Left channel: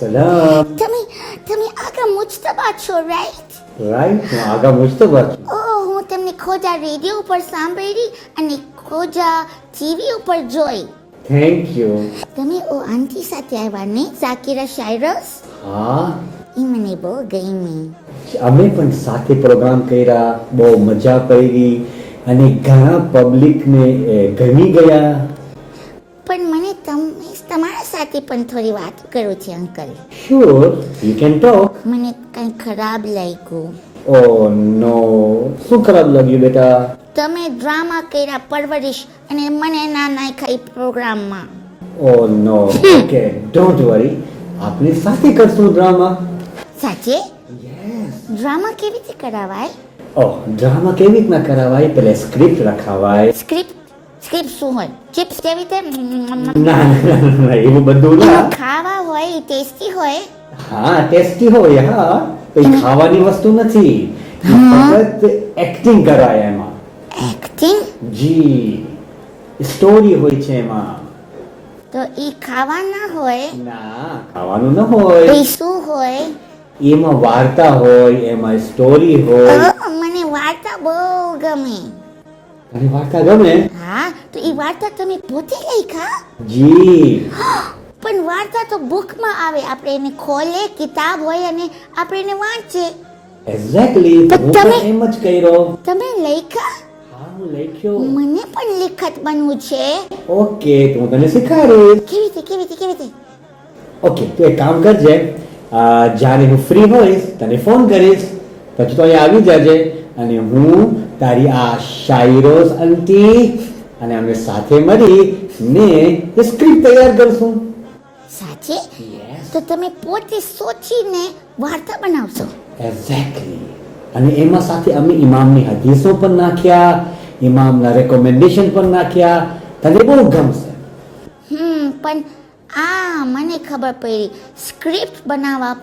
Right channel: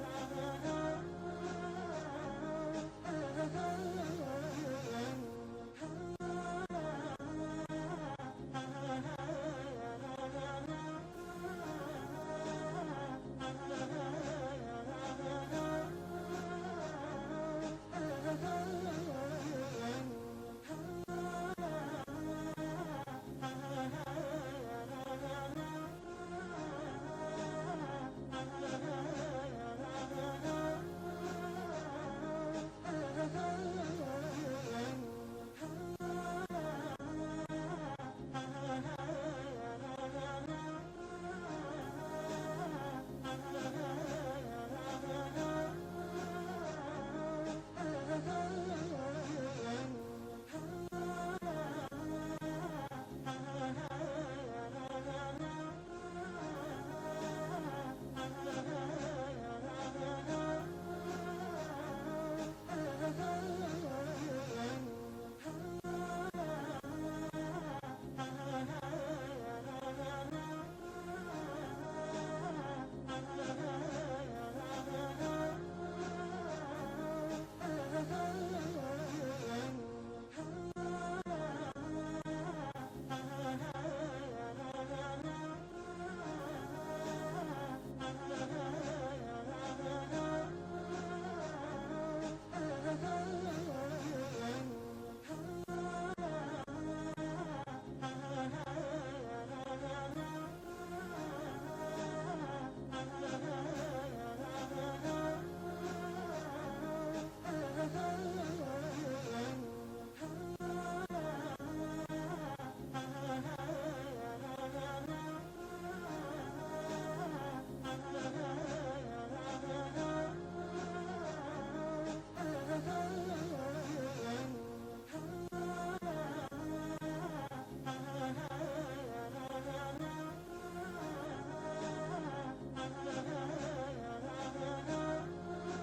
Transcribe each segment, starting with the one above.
સલામ. તમે આગા મુજતબા છો, રાઈટ? રાઈટ, હું આગા મુજતબા છું. હું તમને ખોજા રેડિયો ઉપર સાંભળી અને ખોજા ટીવી ઉપર જોઈ. Thank you. તમે આંટી સાથે આવ્યા ને, ઝાકિરા શાયરસ? હા, એ મને બહુ ગમી. અમે પણ સાથે પ્રોગ્રામ કર્યા, બહુ મજા કરી અને ઘણા પબ્લિકને ગમી ગયા. પણ મને તમારા સાથે પણ થોડી વાત કરવી છે uncle. Sure, you can talk. મને કંઈ ખરાબ લાગ્યું. ઓ નો, શું ખરાબ લાગ્યું બેટા? તમે ડ્રામા કર્યા પરવરિશ અને મને ના નાખ્યા એ પ્રોગ્રામમાં. ઓ નો, ઓકે, ડોન્ટ વરી, આપણે સાથે કરશું ડ્રામા. સાચે? યસ. ડ્રામા કેવી રીતે કરાવાય? ઓહ, ડ્રામા કેવી રીતના કરાવાય? પહેલા સ્ક્રિપ્ટ લખાવાય. સ્ક્રિપ્ટ શું હોય? ચિપ્સ કેવી રીતે? ના, એવું બધું ના. ખાવા હોય, ટેસ્ટી હોય. હા, ટેસ્ટી હોય. હા, કઈ ખાવાની વસ્તુ નથી. ફક્ત એક્ટિંગ કરાય એમાં. એક્ટિંગ? જી, સ્ટોરી હોય છે એમાં. તો ઈ ખાવાના હોય? ના, ખાવાનું ન હોય. એ શું હોય? એમાં વાર્તા હોય, એમાં સ્ટોરી હોય. મને વાર્તા બહુ ગમે. અને વાર્તા ગમે? હા, તો ઈ વાર્તા તમે પોતે લખ્યા? જી. પણ વાર્તા તો બુકમાં આવે, આપણે એને ખોલે, કિતાબ હોય અને આપણે એને વાંચીએ. એક્ઝેક્ટલી, હું પણ એમ જ કર્યો. તમે લખ્યા? હા, હું લખ્યો. મને પણ લેખક બનવું છે. ઓકે, તો હું તને શીખવાડીશ. કેવી રીતે? ઓકે, તો એક કામ કરજે, જ્યારે હું ફ્રી હોઈશ તને ફોન કરીશ, પછી તો અહીંયા આવી જાજે અને હું તારી આ શાયરોસ આંટી અને અમે સાથે મળી ને સ્ક્રિપ્ટ તૈયાર કરશું. સાચે? તો તમે પોતે સોચીને વાર્તા બનાવશો? એક્ઝેક્ટલી. અને એમાં સાથે અમે ઇમામની હદીસો પણ નાખ્યા, ઇમામના રેકમેન્ડેશન પણ નાખ્યા. તને બહુ ગમશે. પણ મને ખબર પડી, સ્ક્રિપ્ટ બનાવવા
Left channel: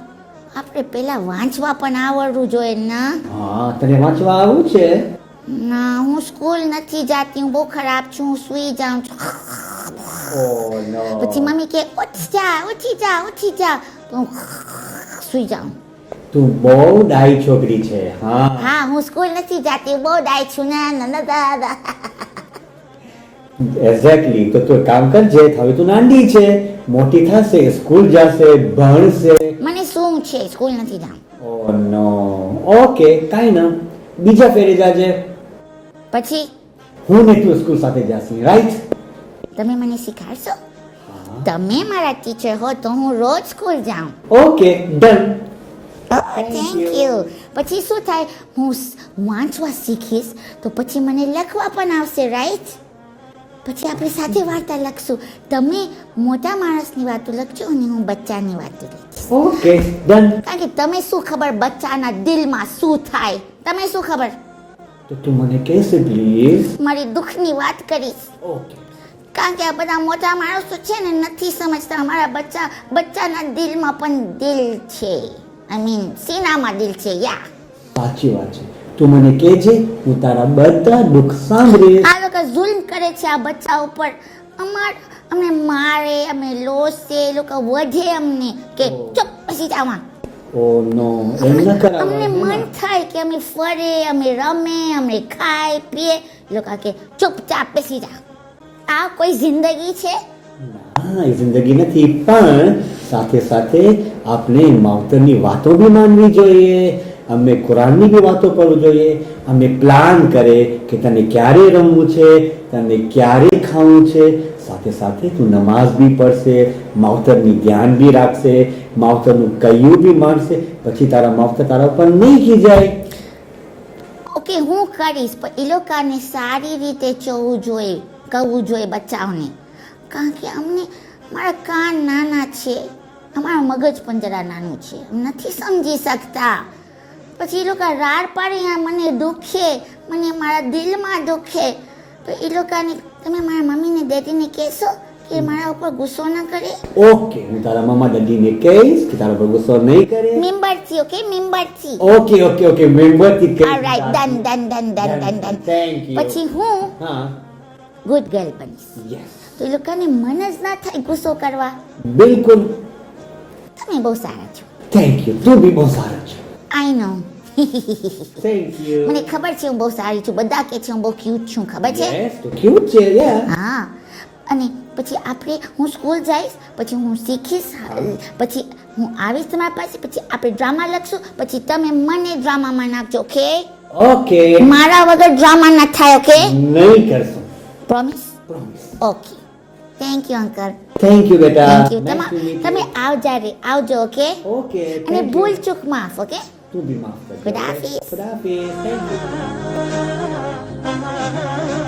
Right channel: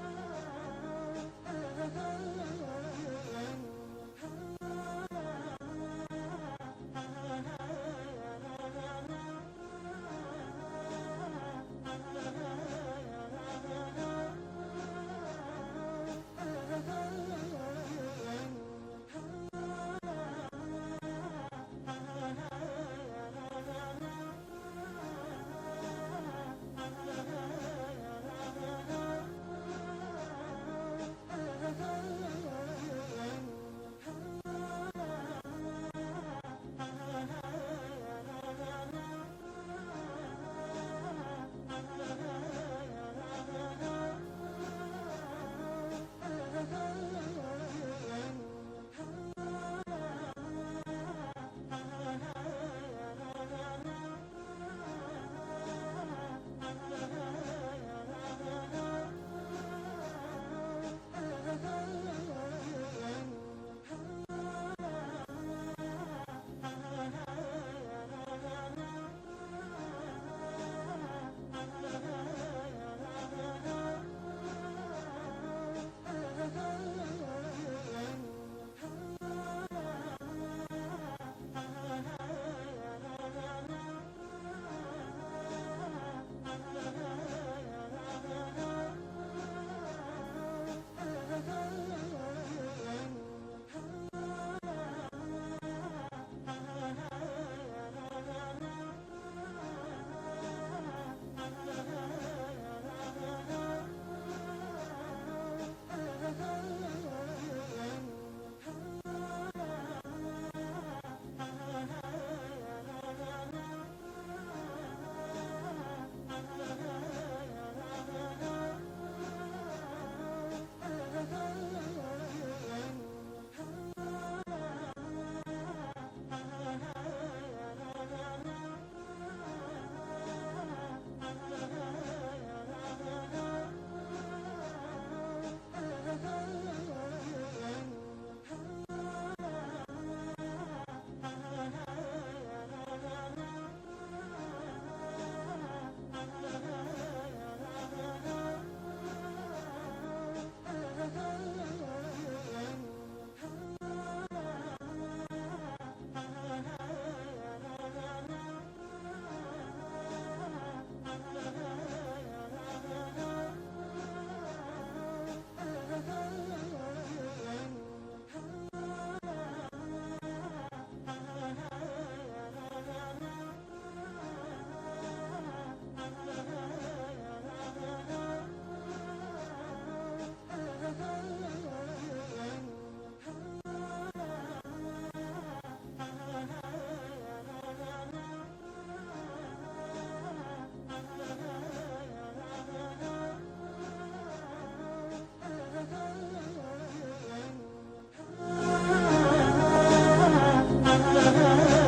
આપણે પહેલા વાંચવા પણ આવડવું જોઈએ ના? હા, તને વાંચવા આવું છે? ના, હું સ્કૂલ નથી જાતી, હું બહુ ખરાબ છું, હું સૂઈ જાઉં છું. ઓહ નો. પછી મમ્મી કે ઉઠી જા તો હું સૂઈ જાઉં. તું બહુ ડાઈ છોકરી છે. હા, હું સ્કૂલ નથી જાતી, બહુ ડાય છું ના. એક્ઝેક્ટલી. તો તું કામ કરજે, હવે તું નાની છે, મોટી થશે, સ્કૂલ જશે, ભણશે. મને શું છે, સ્કૂલ નથી જાઉં. ઓહ નો. ઓકે, કાઈ ના, બીજા ફેરે જાજે. પછી હું ને તું સ્કૂલ સાથે જાશી, રાઈટ? તમે મને શીખવાડશો? તમે મારા ટીચર હો તો હું રોજ સ્કૂલ જાઉં. Okay, done. Thank you. પછી શું થાય, હું વાંચવા શીખીશ તો પછી મને લખવા પણ આવશે, રાઈટ? પછી આપણે સાથે વાર્તા લખશું. તમે મોટા માણસની વાતો લખજો અને હું બચ્ચાની વાતો લખીશ. Okay, done. કારણ કે તમે શું ખબર બચ્ચાના દિલમાં શું થાય? તમે શું ખબર? તો તું મને કહેશે પ્લીઝ? મારી દુઃખની વાત કરીશ. ઓકે. કારણ કે આ બધા મોટા માણસો છે ને નથી સમજતા, અમારા બચ્ચાના દિલમાં પણ દિલ છે. સીનામાં દિલ છે. સાચી વાત છે. તું મને કહેજે, હું તારા બધા દુઃખ સાંભળીશ. આ લોકો જુલ્મ કરે છે આ બચ્ચા ઉપર. અમને મારે, અમે લોસે, એ લોકો વધે અમને કે ચૂપ પછી જાવા. ઓ નો, એમ ન કરાય. અમને મન થાય કે અમે ફરે, અમે રમે, અમે ખાય પીએ, લોકો કે ચૂપચાપ બેસી જા. આ કોઈ જિંદગી છે? હા, એ જિંદગી નથી, પણ સાથે સાથે આપણે માવતરની વાતો બી માનવી જોઈએ, અમે કુરાનની બી વાતો કરવી જોઈએ. અમે પ્લાન કરે કે તને ક્યારે રમવું છે, તને ક્યારે ખાવું છે. સાથે સાથે તું નમાઝ બી પડશે, માવતરની ધ્યાન બી રાખશે, માવતરનું કયું બી માનશે, પછી તારા માવતર તારા ઉપર નહીં ખીજાય. ઓકે, હું કરીશ, પણ એ લોકોને સારી રીતે કહું જોઈએ બચ્ચાઓને. કારણ કે મારા કાન નાના છે, અમારું મગજ પણ જરા નાનું છે, નથી સમજી શકતા. પછી એ લોકો રાડ પાડે, મને દુખે, મને મારા દિલમાં દુખે. તો એ લોકોને તમે મારા મમ્મીને ડેડીને કહેશો કે મારા ઉપર ગુસ્સો ન કરે? ઓકે, હું તારા મમ્મા દાદીને કહીશ કે તારા ઉપર ગુસ્સો નહીં કરે. મેમ્બરથી, ઓકે, મેમ્બરથી. ઓકે, મેમ્બરથી કહીશ. Alright, done. Thank you. પછી હું ગુડ ગર્લ બનીશ. યસ. તો એ લોકોને મન જ ના થાય ગુસ્સો કરવા. બિલકુલ. તમે બહુ સારા છો. Thank you. તું બી બહુ સારો છે. I know. Thank you. મને ખબર છે હું બહુ સારી છું. બધા કહે છે હું બહુ ક્યુટ છું, ખબર છે? યસ, તું ક્યુટ છે યાર. હા. અને પછી હું સ્કૂલ જઈશ, પછી હું શીખીશ, પછી હું આવીશ તમારી પાસે, પછી આપણે ડ્રામા લખશું, પછી તમે મને ડ્રામામાં નાખજો, ઓકે? ઓકે. મારા વગર ડ્રામા ના થાય, ઓકે? નહીં કરશું. Promise? Promise. Okay. Thank you uncle. Thank you બેટા. Thank you. Nice to meet you. તમે આવજો, ઓકે? ઓકે. અને thank you. ભૂલ ચૂક માફ, ઓકે? તું બી માફ કર. ખુદાહાફિઝ. ખુદાહાફિઝ. Thank you.